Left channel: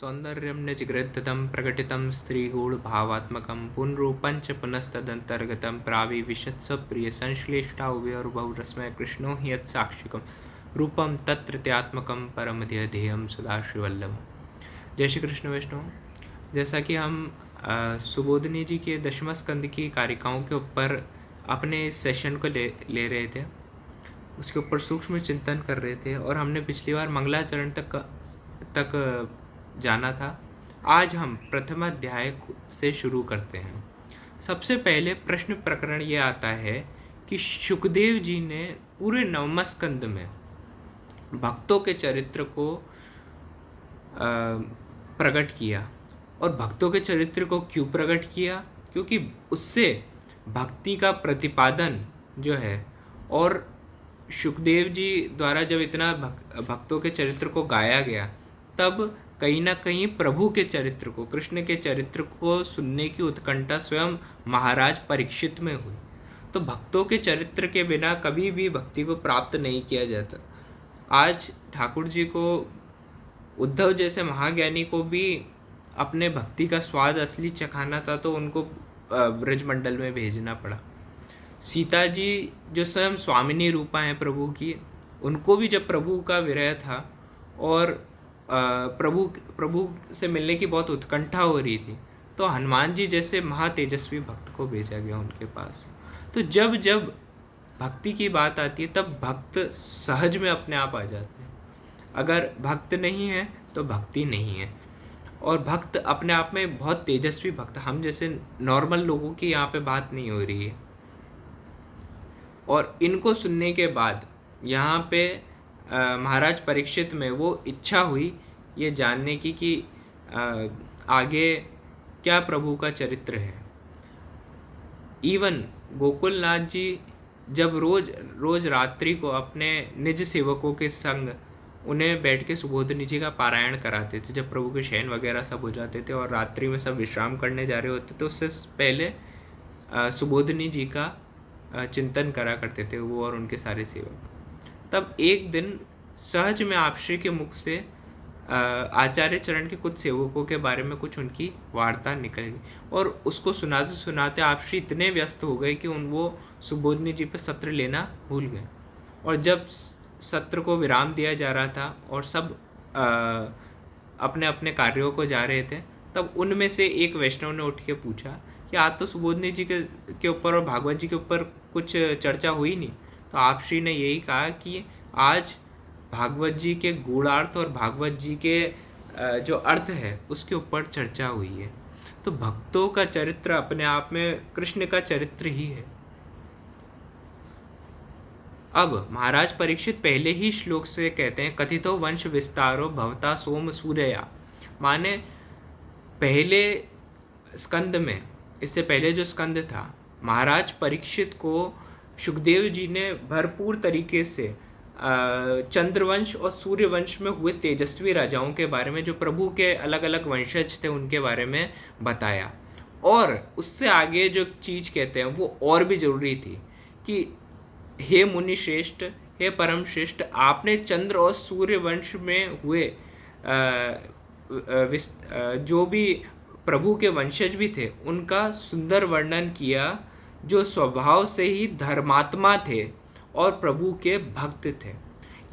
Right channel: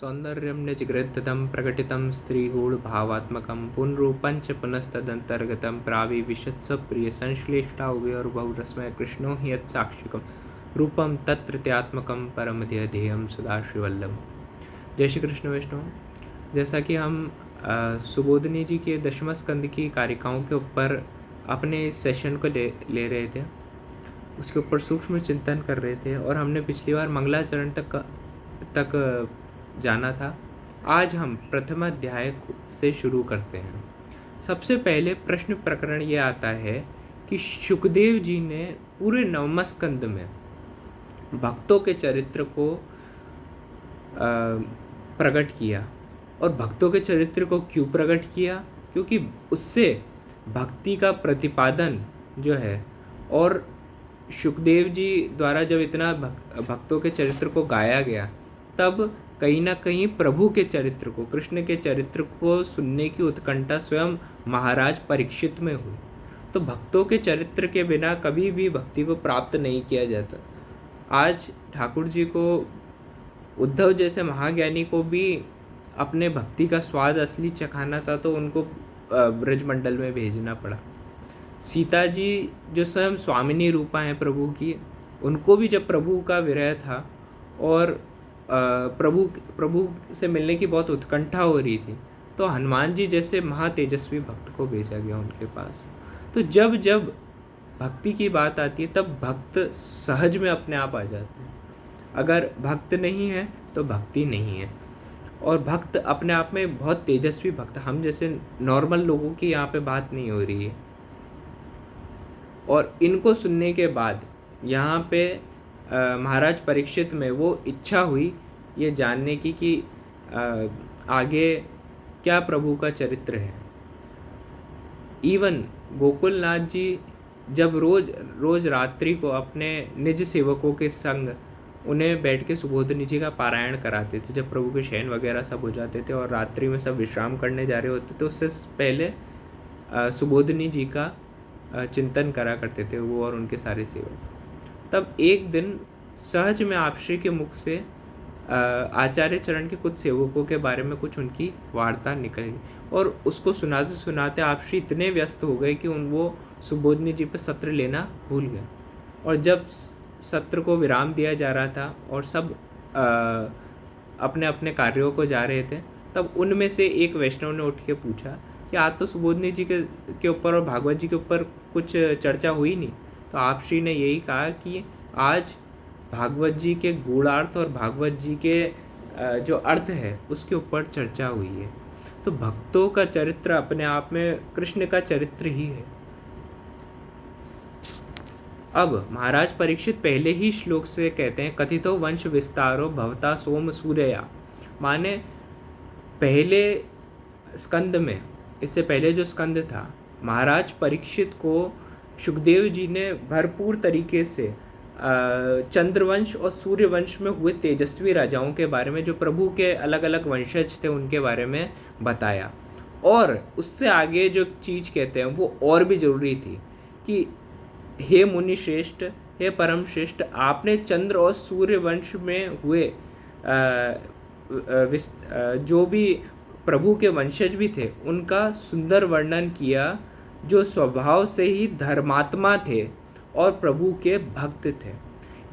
सौन्दर्यं निजगृहीतं प्रकटितं स्त्रीगूढभावात्मकं पुनरूपञ्च पुनस्तदन्तर्गतं प्राविविशत्सप्रियसंश्लेष्टा उभयोर्बहुरसमय कृष्णो हि यत्साक्षिकं रूपं तत्कृत्यात्मकं परमध्येयं सदाशिवल्लभम्। जय श्री कृष्ण वैष्णव। जैसा कि हम सुबोधिनी जी के दशम स्कंद की कारिकाओं के ऊपर अपने इस सेशन को ले रहे थे, उसके ऊपर सूक्ष्म चिंतन कर रहे थे और हमने पिछली बार मंगलाचरण तक जाना था। आज हम प्रथम अध्याय से शुरू करते हैं। सबसे पहले प्रश्न प्रकरण ये आता है कि शुकदेव जी ने पूरे नवम स्कंद में भक्तों के चरित्र को प्रकट किया। और भक्तों के चरित्र को क्यों प्रकट किया? क्योंकि उससे भक्ति का प्रतिपादन जो है, और शुकदेव जी द्वारा जब इतना भक्तों के चरित्र को गाया गया, तब कहीं ना कहीं प्रभु के चरित्र को, कृष्ण के चरित्र को सुनने की उत्कंठा स्वयं महाराज परीक्षित में हुई। तो भक्तों के चरित्र के बिना कभी भी भक्ति को प्राप्त नहीं किया जाता। आज ठाकुर जी को, उद्धव जैसे महाज्ञानी को भी अपने भक्ति का स्वाद असली चखाना था, तो उनको ब्रजमंडल में भेजना पड़ा। सीता जी जो स्वयं स्वामिनी रूपा हैं प्रभु की, उनको भी जब प्रभु का विरह था और प्रभु से मिलने की बहुत उत्कंठा हो रही थी, तो हनुमान जी जैसे महातेजस्वी भक्त को भेजा गया उनके पास। तो जब जब भक्ति की बात आती है, तब भक्त सहज में अपने आप आ जाते हैं। अगर भक्त नहीं है तो भक्ति नहीं है। और भक्त अपने आप में बहुत तेजस्वी भक्त, हम जैसे नॉर्मल लोगों की यहाँ पे बात नहीं हो रही है। और इनको सुनने के बाद यहाँ पे महाराज परीक्षित में वो इच्छा हुई ये जानने की कि आगे क्या प्रभु का चरित्र है। इवन गोकुलनाथ जी जब रोज रात्रि को अपने निज सेवकों के संग उन्हें बैठ के सुबोधिनी जी का पारायण कराते थे, जब प्रभु के शयन वगैरह सब हो जाते थे और रात्रि में सब विश्राम करने जा रहे होते थे, उससे पहले सुबोधिनी जी का चिंतन करा करते थे वो और उनके सारे सेवक। तब एक दिन सहज में आपश्री के मुख से आचार्य चरण के कुछ सेवकों के बारे में कुछ उनकी वार्ता निकल गई, और उसको सुनाते सुनाते आपश्री इतने व्यस्त हो गए कि वो सुबोधिनी जी पर सत्र लेना भूल गए। और जब सत्र को विराम दिया जा रहा था और सब अपने अपने कार्यों को जा रहे थे, तब उनमें से एक वैष्णव ने उठ के पूछा कि आज तो सुबोधिनी जी के ऊपर और भागवत जी के ऊपर कुछ चर्चा हुई नहीं। तो आप श्री ने यही कहा कि आज भागवत जी के गूढ़ार्थ और भागवत जी के जो अर्थ है उसके ऊपर चर्चा हुई है। तो भक्तों का चरित्र अपने आप में कृष्ण का चरित्र ही है। अब महाराज परीक्षित पहले ही श्लोक से कहते हैं, कथितो वंश विस्तारो भवता सोम सूर्या। माने पहले स्कंद में, इससे पहले जो स्कंद था, महाराज परीक्षित को शुकदेव जी ने भरपूर तरीके से चंद्रवंश और सूर्यवंश में हुए तेजस्वी राजाओं के बारे में, जो प्रभु के अलग अलग वंशज थे, उनके बारे में बताया। और उससे आगे जो चीज़ कहते हैं वो और भी ज़रूरी थी कि हे मुनि श्रेष्ठ, हे परम श्रेष्ठ, आपने चंद्र और सूर्यवंश में हुए जो भी प्रभु के वंशज भी थे उनका सुंदर वर्णन किया, जो स्वभाव से ही धर्मात्मा थे और प्रभु के भक्त थे।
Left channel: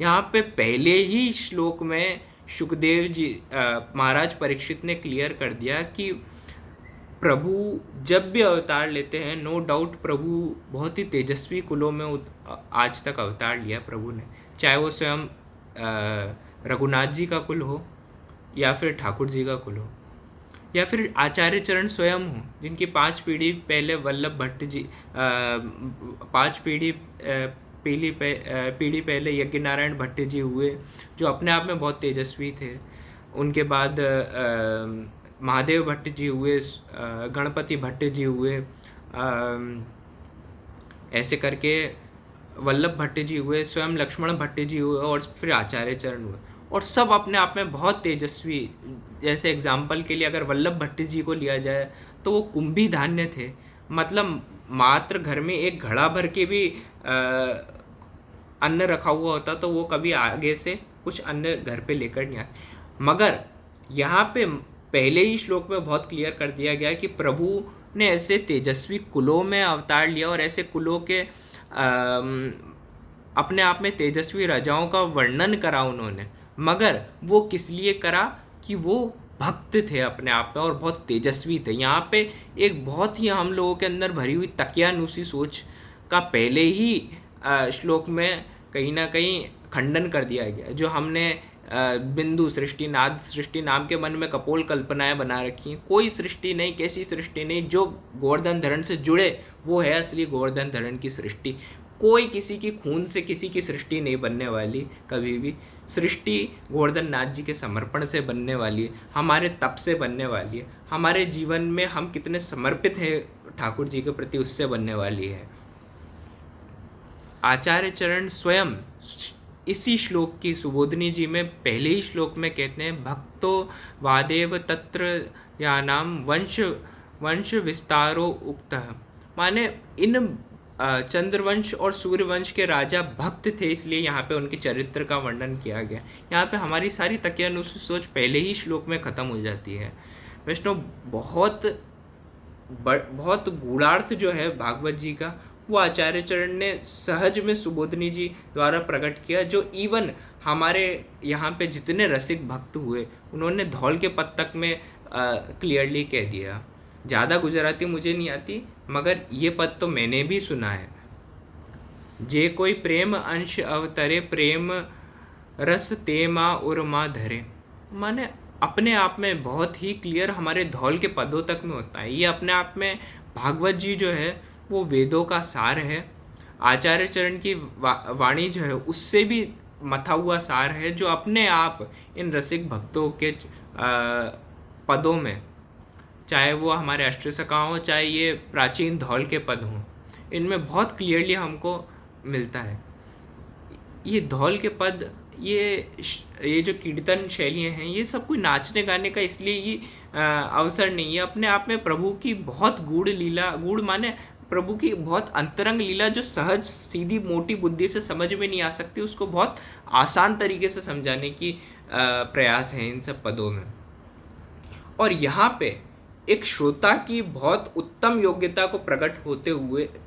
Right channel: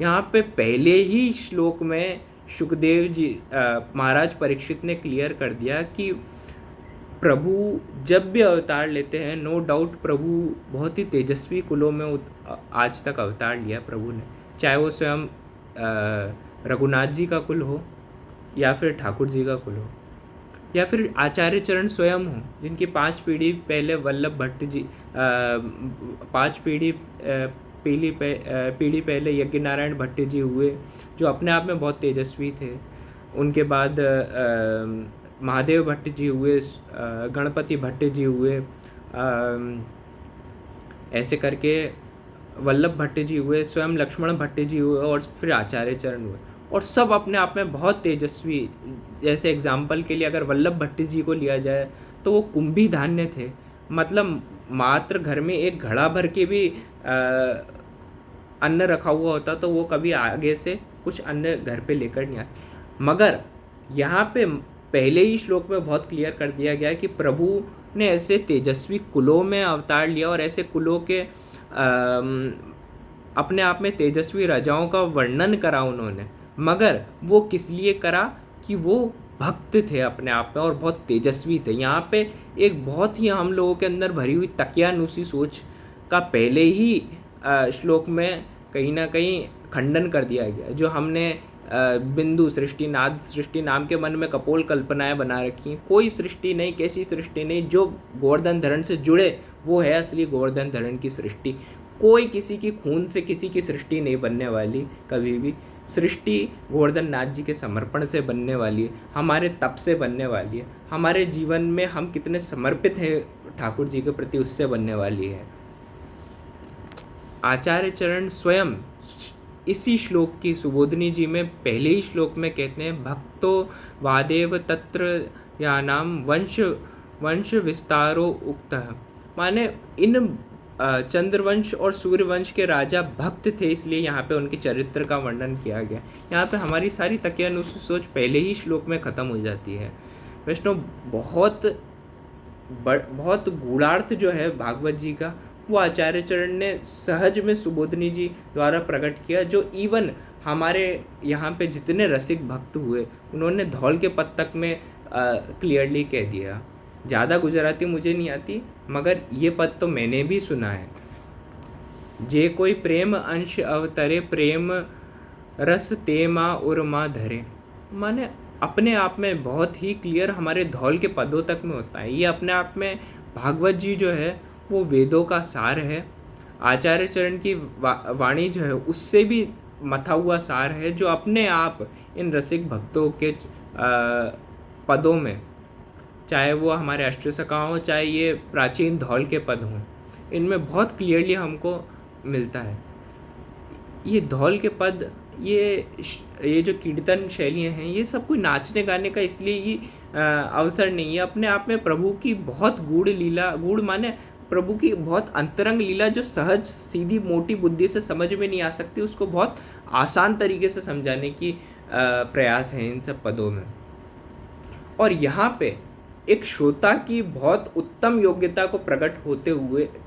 यहाँ पे पहले ही श्लोक में शुकदेव जी महाराज परीक्षित ने क्लियर कर दिया कि प्रभु जब भी अवतार लेते हैं, नो डाउट प्रभु बहुत ही तेजस्वी कुलों में आज तक अवतार लिया प्रभु ने, चाहे वो स्वयं रघुनाथ जी का कुल हो, या फिर ठाकुर जी का कुल हो, या फिर आचार्य चरण स्वयं हो, जिनकी 5 पीढ़ी पहले वल्लभ भट्ट जी, 5 पीढ़ी पहले यज्ञ नारायण भट्ट जी हुए, जो अपने आप में बहुत तेजस्वी थे। उनके बाद महादेव भट्ट जी हुए, गणपति भट्ट जी हुए, ऐसे करके वल्लभ भट्ट जी हुए, स्वयं लक्ष्मण भट्ट जी हुए, और फिर आचार्य चरण हुए, और सब अपने आप में बहुत तेजस्वी। जैसे एग्जाम्पल के लिए अगर वल्लभ भट्ट जी को लिया जाए तो वो कुंभी धान्य थे, मतलब मात्र घर में एक घड़ा भर के भी अन्न रखा हुआ होता तो वो कभी आगे से कुछ अन्न घर पे लेकर नहीं आते। मगर यहाँ पे पहले ही श्लोक में बहुत क्लियर कर दिया गया कि प्रभु ने ऐसे तेजस्वी कुलों में अवतार लिया और ऐसे कुलों के अपने आप में तेजस्वी राजाओं का वर्णन करा उन्होंने, मगर वो किस लिए करा कि वो भक्त थे अपने आप में और बहुत तेजस्वी थे। यहाँ पे एक बहुत ही हम लोगों के अंदर भरी हुई तकियानुसी सोच का पहले ही श्लोक में कहीं ना कहीं खंडन कर दिया गया। जो हमने बिंदु सृष्टि, नाद सृष्टि नाम के मन में कपोल कल्पनाएं बना रखी हैं, कोई सृष्टि नहीं, कैसी सृष्टि नहीं। जो गोवर्धन धरण से जुड़े वो है असली गोवर्धन धरण की सृष्टि। कोई किसी की खून से किसी की सृष्टि नहीं बनने वाली कभी भी। सृष्टि गोवर्धन नाथ जी के समर्पण से बनने वाली है, हमारे तप से बनने वाली है, हमारे जीवन में हम कितने समर्पित हैं ठाकुर जी के प्रति उससे बनने वाली है। आचार्य चरण स्वयं इसी श्लोक की सुबोधनी जी में पहले ही श्लोक में कहते हैं, भक्तो वादेव तत्र यानाम वंश विस्तारो उक्तः। माने इन चंद्रवंश और सूर्यवंश के राजा भक्त थे, इसलिए यहाँ पे उनके चरित्र का वर्णन किया गया। यहाँ पे हमारी सारी तकियानुसी सोच पहले ही श्लोक में ख़त्म हो जाती है। वैष्णव बहुत गूढ़ार्थ जो है भागवत जी का, वो आचार्य चरण ने सहज में सुबोधनी जी द्वारा प्रकट किया, जो इवन हमारे यहाँ पे जितने रसिक भक्त हुए उन्होंने धौल के पद तक में क्लियरली कह दिया। ज़्यादा गुजराती मुझे नहीं आती, मगर ये पद तो मैंने भी सुना है। जे कोई प्रेम अंश अवतरे, प्रेम रस तेमा उर्मा धरे। माने अपने आप में बहुत ही क्लियर हमारे धौल के पदों तक में होता है। ये अपने आप में भागवत जी जो है वो वेदों का सार है। आचार्य चरण की वाणी जो है उससे भी मथा हुआ सार है, जो अपने आप इन रसिक भक्तों के पदों में, चाहे वो हमारे अष्टसखा हों, चाहे ये प्राचीन धौल के पद हों, इनमें बहुत क्लियरली हमको मिलता है। ये धौल के पद, ये जो कीर्तन शैलियाँ हैं, ये सब कोई नाचने गाने का इसलिए ये अवसर नहीं है। अपने आप में प्रभु की बहुत गूढ़ लीला, गूढ़ माने प्रभु की बहुत अंतरंग लीला, जो सहज सीधी मोटी बुद्धि से समझ में नहीं आ सकती, उसको बहुत आसान तरीके से समझाने की प्रयास है इन सब पदों में। और यहाँ पे एक श्रोता की बहुत उत्तम योग्यता को प्रकट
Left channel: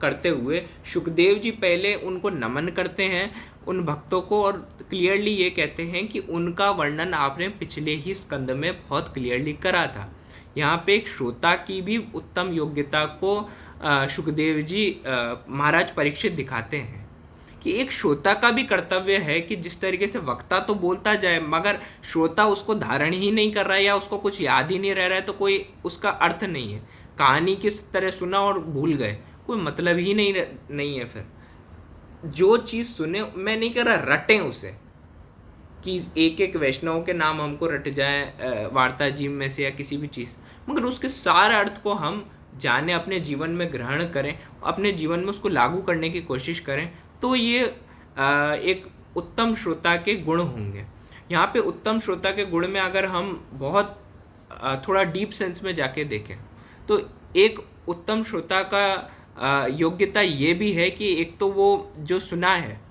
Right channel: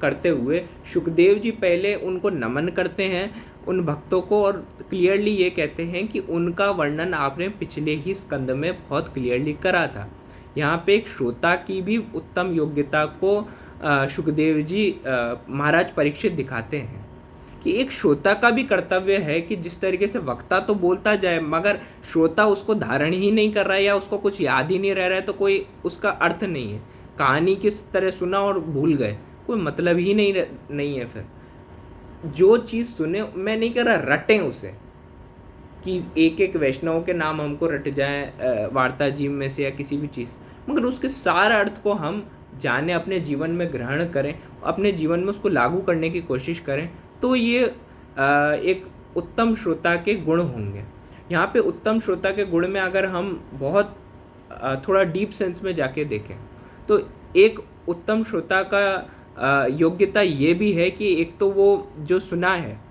करते हुए शुकदेव जी पहले उनको नमन करते हैं उन भक्तों को, और क्लियरली ये कहते हैं कि उनका वर्णन आपने पिछले ही स्कंद में बहुत क्लियरली करा था। यहाँ पे एक श्रोता की भी उत्तम योग्यता को शुकदेव जी महाराज परीक्षित दिखाते हैं कि एक श्रोता का भी कर्तव्य है कि जिस तरीके से वक्ता तो बोलता जाए, मगर श्रोता उसको धारण ही नहीं कर रहा है या उसको कुछ याद ही नहीं रह रहा है, तो कोई उसका अर्थ नहीं है। कहानी किस तरह सुना और भूल गए, कोई मतलब ही नहीं है। फिर जो चीज़ सुने, मैं नहीं कह रहा रटें उसे कि एक एक वैष्णव के नाम हमको रट जाए वार्ता जी में से या किसी भी चीज़, मगर उसके सारे अर्थ को हम जाने, अपने जीवन में ग्रहण करें, अपने जीवन में उसको लागू करने की कोशिश करें, तो ये एक उत्तम श्रोता के गुण होंगे। यहाँ पे उत्तम श्रोता के गुण में अगर हम बहुत थोड़ा डीप सेंस में जाके देखें, तो एक उत्तम श्रोता का योग्यता ये भी है कि एक तो वो जो सुना है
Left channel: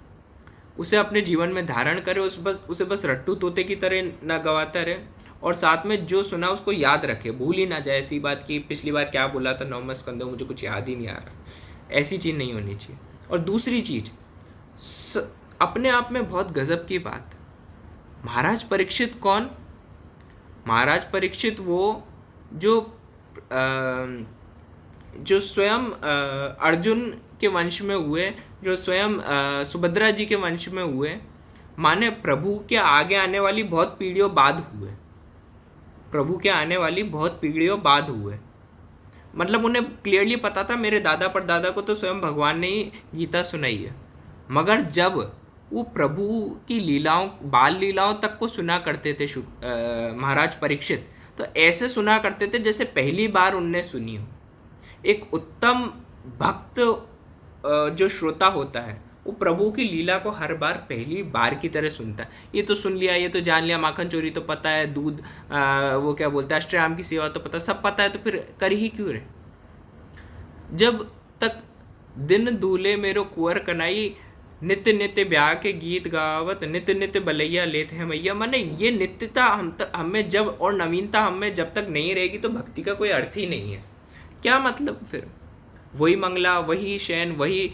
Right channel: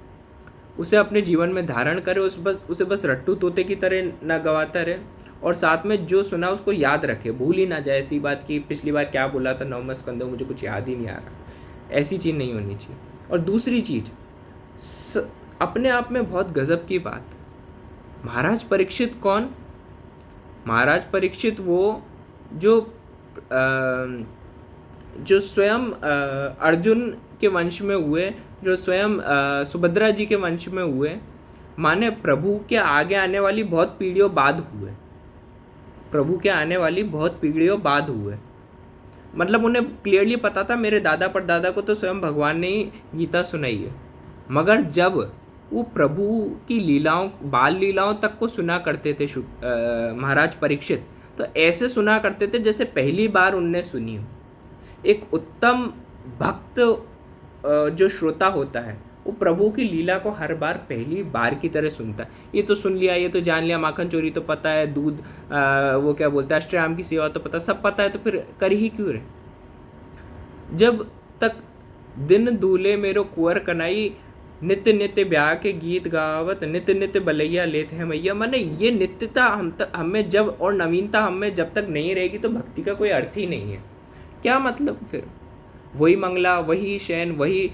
उसे अपने जीवन में धारण करे, उसे बस रट्टू तोते की तरह न गवाता रहे, और साथ में जो सुना उसको याद रखे, भूल ही ना जाए। ऐसी बात कि पिछली बार क्या बोला था 9वें स्कंद में, मुझे कुछ याद ही नहीं आ रहा, ऐसी चीज़ नहीं होनी चाहिए। और दूसरी चीज़, अपने आप में बहुत गजब की बात, महाराज परीक्षित कौन? महाराज परीक्षित वो जो स्वयं अर्जुन के वंश में हुए, जो स्वयं सुभद्रा जी के वंश में हुए, माने प्रभु के आगे आने वाली बहुत पीढ़ियों बाद हुए, प्रभु के आने वाली बहुत पीढ़ियों बाद हुए। मतलब उन्हें क्लियरली पता था मेरे दादा परदादा को तो स्वयं भगवान ने ही गीता सुनाई है, मगर जब वो प्रभु की लीलाओं, बाल लीलाओं तक को सुना करते थे महाराज परीक्षित, तो ऐसे सुना करते थे जैसे पहली बार उनने सुनी हो। एक उत्तम भक्त जो श्रोता होता है वो प्रभु की लीला को हर बार पहली बार की तरह सुनता है। ये तो सुन लिया, ये तो जान लिया, माखन चोरी तो पता है, दूध वो क्या बोलता है, अष्टयाम की सेवा तो पता, सब पता है, तो फिर कर ही क्यों रहे? जब तक दिन दूल्हे मेरो कुंवर कनाई नित्य नित्य ब्याह के गीत गावत, नित्य नित्य बलैया लेते हैं मैया। माने ये नित्यता हमें जब, और नवीनता हमें जब तक नहीं रहेगी तो भक्ति का कोई अर्थ ही नहीं है। क्या मतलब फिर? वही मंगला, वही शयन, वही,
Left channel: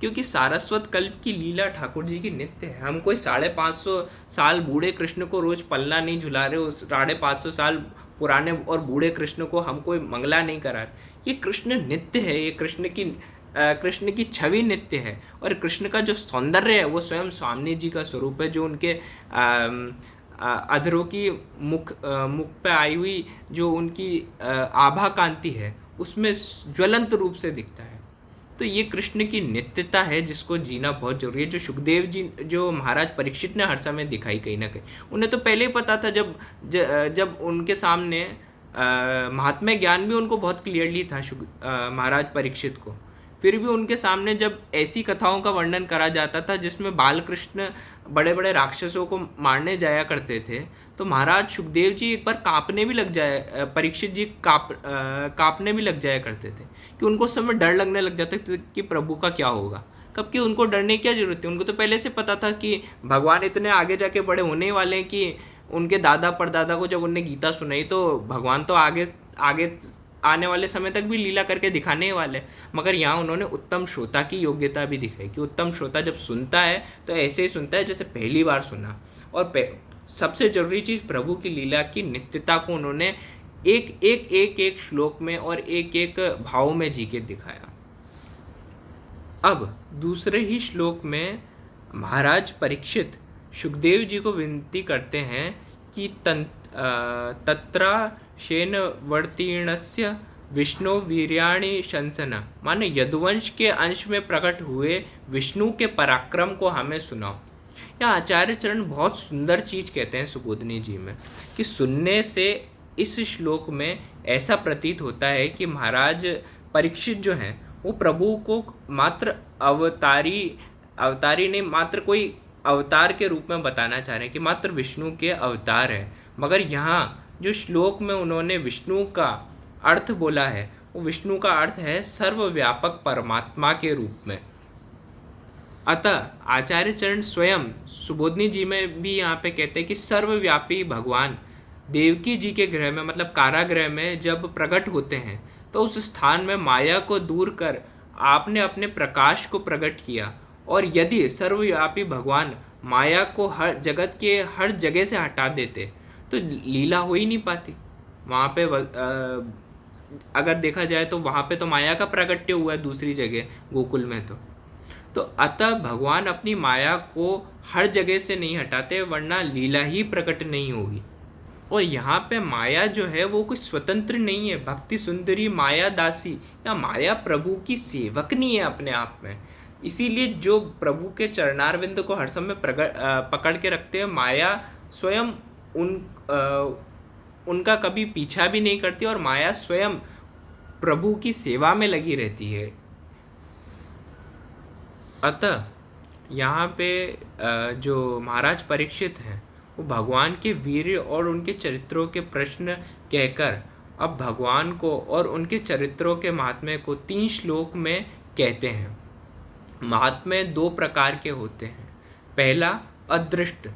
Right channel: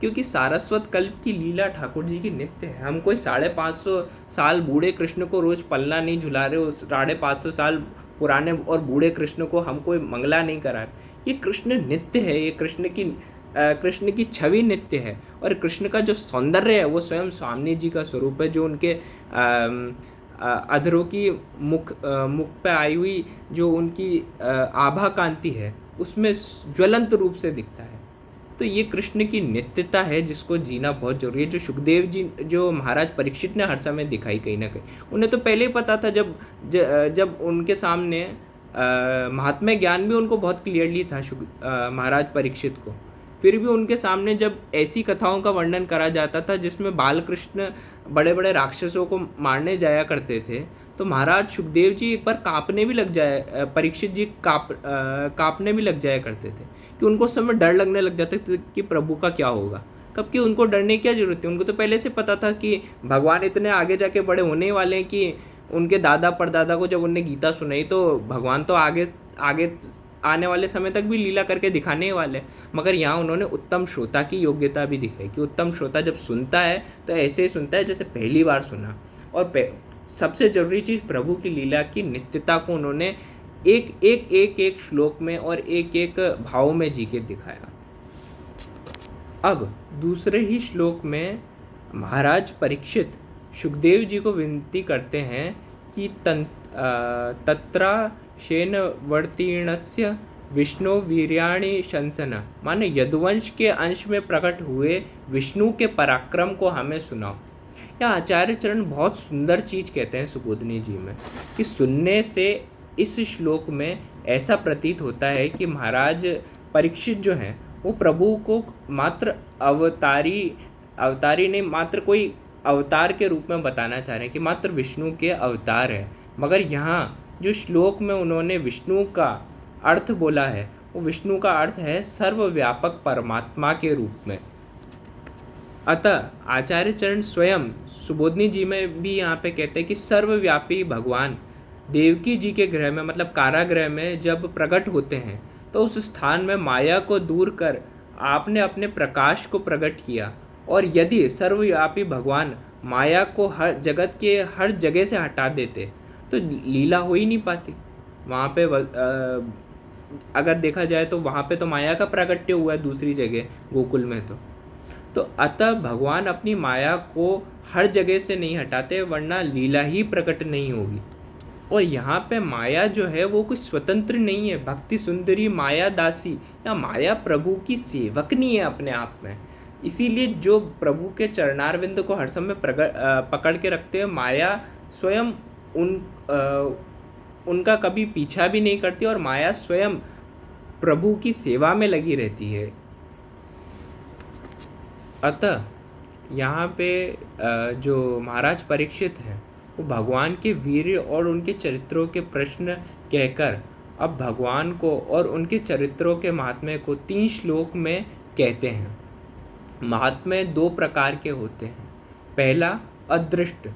क्योंकि सारस्वत कल्प की लीला ठाकुर जी की नित्य है। हम कोई 550 साल बूढ़े कृष्ण को रोज पल्ला नहीं झुला रहे, उस 550 साल पुराने और बूढ़े कृष्ण को हम कोई मंगला नहीं करा रहे। ये कृष्ण नित्य है, ये कृष्ण की छवि नित्य है। और कृष्ण का जो सौंदर्य है वो स्वयं स्वामी जी का स्वरूप है, जो उनके अधरों की मुख पे आई हुई जो उनकी आभा कांति है उसमें ज्वलंत रूप से दिखता है। तो ये कृष्ण की नित्यता है जिसको जीना बहुत जरूरी है, जो सुखदेव जी, जो महाराज परीक्षित ने हर समय दिखाई कहीं ना कहीं। उन्हें तो पहले ही पता था, जब उनके सामने महात्म्य ज्ञान भी उनको बहुत क्लियरली था महाराज परीक्षित को। फिर भी उनके सामने जब ऐसी कथाओं का वर्णन करा जाता था जिसमें बाल कृष्ण बड़े बड़े राक्षसों को मारने जाया करते थे, तो महाराज सुखदेव जी एक बार कांपने भी लग जाए, परीक्षित जी कांपने भी लग जाया करते थे, कि उनको उस समय डर लगने लग जाता था कि प्रभु का क्या होगा। कब कि उनको डरने की क्या जरूरत है, उनको तो पहले से पता था कि भगवान इतने आगे जाके बड़े होने वाले हैं कि उनके दादा परदादा को जब उनने गीता सुनाई तो भगवान तो आगे आगे आने वाले समय तक भी लीला करके दिखाने वाले। मगर यहाँ उन्होंने उत्तम श्रोता की योग्यता भी दिखाई कि उत्तम श्रोता जब सुनता है तो ऐसे ही सुनता है जैसे पहली बार सुना। और सबसे जरूरी चीज़, प्रभु की लीला की नित्यता को उन्होंने एक श्लोक में और एक एक भाव में जी के दिखाया। अब दूसरे ही श्लोक में महाराज परीक्षित सुखदेव जी को विनती करते हैं कि तत्रा शेन वर्तीर्णस्य विष्णु वीर्याणि शंसन, माने यदुवंश के अंश में प्रकट हुए विष्णु के पराक्रम को हमें सुनाओ। या आचार्य चरण बहुत सुंदर चीज कहते हैं सुबोधनी जी में, कि सुनने से इस श्लोक में ऐसा प्रतीत होता है कि महाराज परीक्षित जो हैं वो प्रभु को मात्र अवतारी नहीं, मात्र कोई अवतार के रूप में बताना चाह रहे हैं कि मात्र विष्णु के अवतार है। मगर यहाँ जो श्लोक में उन्होंने विष्णु का अर्थ बोला है, वो विष्णु का अर्थ है सर्वव्यापक परमात्मा के रूप में। अतः आचार्य चरण स्वयं सुबोधनी जी में भी यहाँ पे कहते हैं कि सर्वव्यापी भगवान देवकी जी के गृह में, मतलब कारागृह में जब प्रकट होते हैं तो उस स्थान में माया को दूर कर आपने अपने प्रकाश को प्रकट किया। और यदि सर्वव्यापी भगवान माया को हर जगत के हर जगह से हटा देते तो लीला हो ही नहीं पाती। वहाँ पे अगर देखा जाए तो वहाँ पे तो माया का प्राकट्य हुआ है दूसरी जगह गोकुल में। तो अतः भगवान अपनी माया को हर जगह से नहीं हटाते, वरना लीला ही प्रकट नहीं होगी। और यहाँ पे माया जो है वो कुछ स्वतंत्र नहीं है, भक्ति सुंदरी माया दासी या माया प्रभु की सेवक नहीं है अपने आप में। इसीलिए जो प्रभु के चरणारविंद को हर समय पकड़ के रखते हैं, माया स्वयं उनका कभी पीछा भी नहीं करती और माया स्वयं प्रभु की सेवा में लगी रहती है। अतः यहाँ पे जो महाराज परीक्षित हैं वो भगवान के वीर्य और उनके चरित्रों के प्रश्न कहकर अब भगवान को और उनके चरित्रों के महात्म्य को 3 श्लोक में कहते हैं। महात्म्य 2 प्रकार के होते हैं, पहला अदृष्ट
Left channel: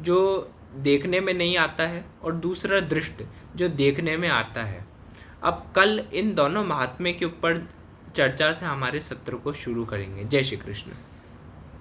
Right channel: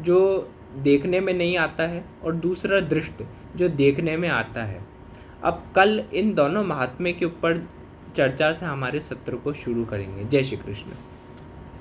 जो देखने में नहीं आता है, और दूसरा दृष्ट जो देखने में आता है। अब कल इन दोनों महात्म्य के ऊपर चर्चा से हमारे सत्र को शुरू करेंगे। जय श्री कृष्ण।